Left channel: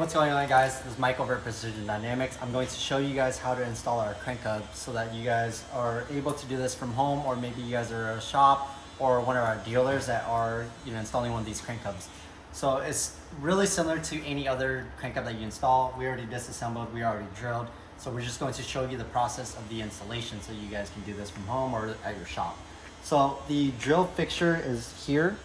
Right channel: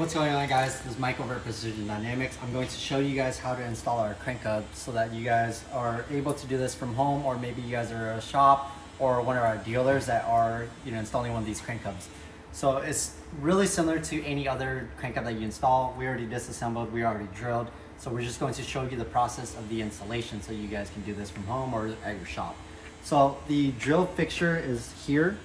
What's going on, guys? This is Mike over at Precision Dynamics. I'm going to show you guys how to install our crank hub so that you guys are able to do this from home, or maybe you guys are a shop or one of our dealers that are installing one of these crank hubs. So it's really similar to any other crank hub that you install. We already disassembled, we already drilled. So we're just going to show you the process of the installation so you guys can do this from home or at your shop. So the drill fixture is here.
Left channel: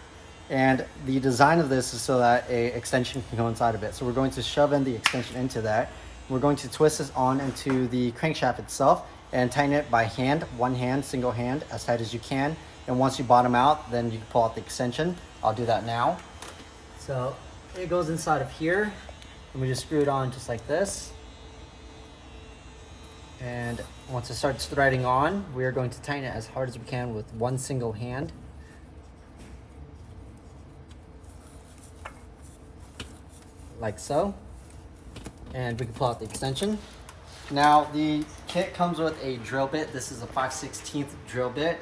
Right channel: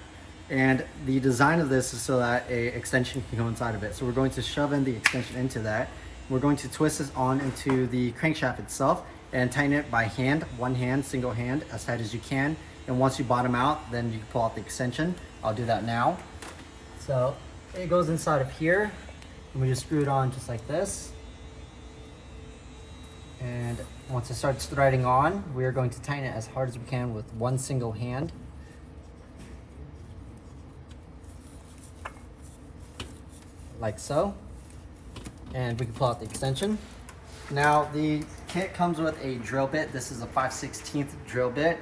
And the design of this is so that a extension can go inside of it. So we're going to shove in the extension into that. We're going to twist this on into the crankshaft itself and tighten it by hand, one hand, single hand, as tight as you can. And once you bottom out, then you can pull out the extension. I'll do that now. So it goes inside of here, and we just screw it on just like this. And once it starts threading on, we are going to tighten it as hard as we can with one single hand. Like so, and we can pull out the extension. Now the kit comes with a drill bit. This is a 5/16 drill bit.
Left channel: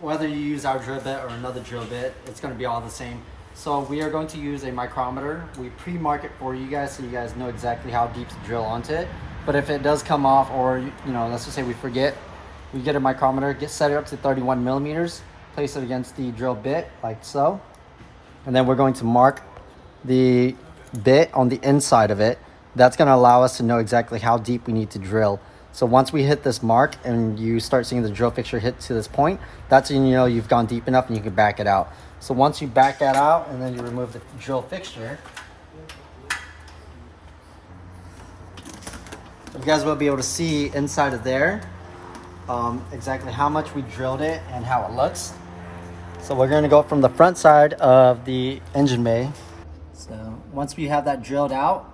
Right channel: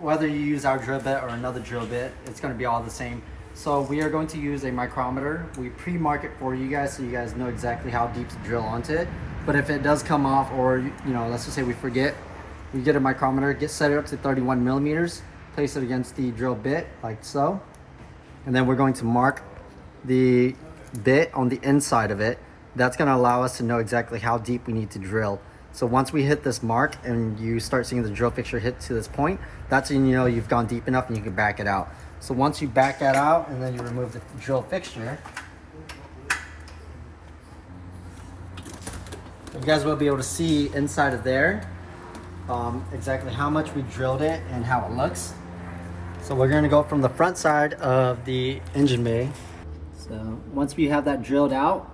Whether you use our drill bit or another drill bit, it's going to be all the same. So we are going to use a micrometer. We pre-mark it for you guys so you guys know exactly how deep to drill onto it. But if it does come off, or let's just say we forget, we get a micrometer, set it up to 31 millimeters, place it against the drill bit like so, and then we're going to mark the bit on the inside of it. That's going to allow us to know exactly how deep we need to drill. So once we hit this mark and you start seeing the drill fixture hit to this point, that's when you know you've gone deep enough and you can back it out. So once you back that out and then you remove the drill fixture, you guys will be able to see inside of there exactly how much we drilled it and how it looks. So we're going to go from the front side of the engine bay. So once we have that drilled out,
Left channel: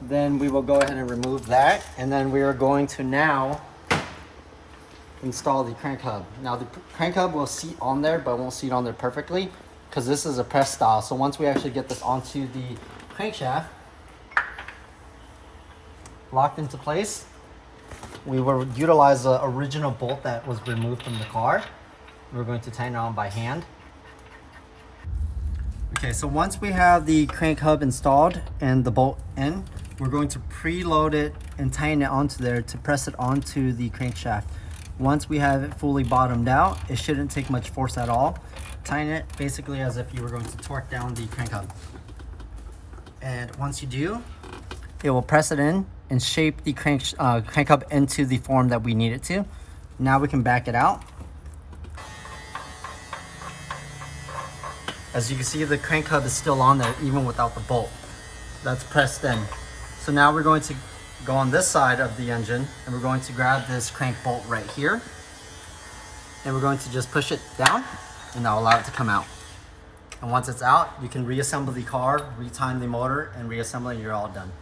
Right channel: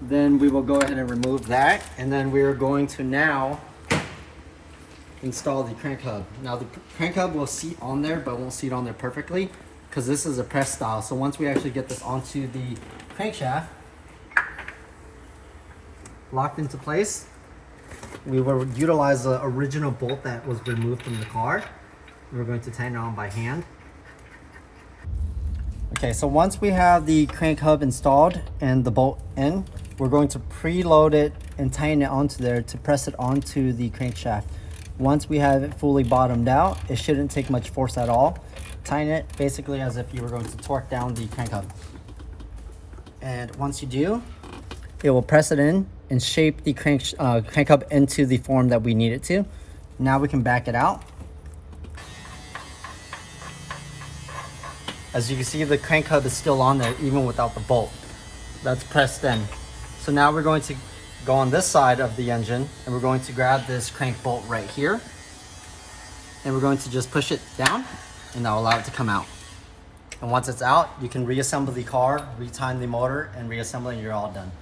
then we will go ahead and remove that, and then we are going to now install the crank hub. Now the crank hub will seat on there, but won't seat on there perfectly because this is a press style. So once we actually get this onto the crankshaft, locked into place, we will utilize the original bolt that was removed from the car. We're going to tighten it on by hand. Okay, so once we have the crank hub installed and the bolt in, we're going to preload it and tighten it onto there to press it onto the crankshaft. Once we have it fully bottomed out, it shouldn't take much force at all. Tighten it basically as if you were going to torque down the crank hub. And once you do, it will press it in and shape the crank hub into the form that we need it to. Now we can back it out. As you can see, the crank hub is still on there even without the bolt. That's pressed in. So now we're going to go on this side of the engine and we're going to grab this crank bolt right here. And we're going to just push it down and that'll allow it to come out. And once it's out, you can reassemble the car, retime the motor, and reassemble it, and you're all done.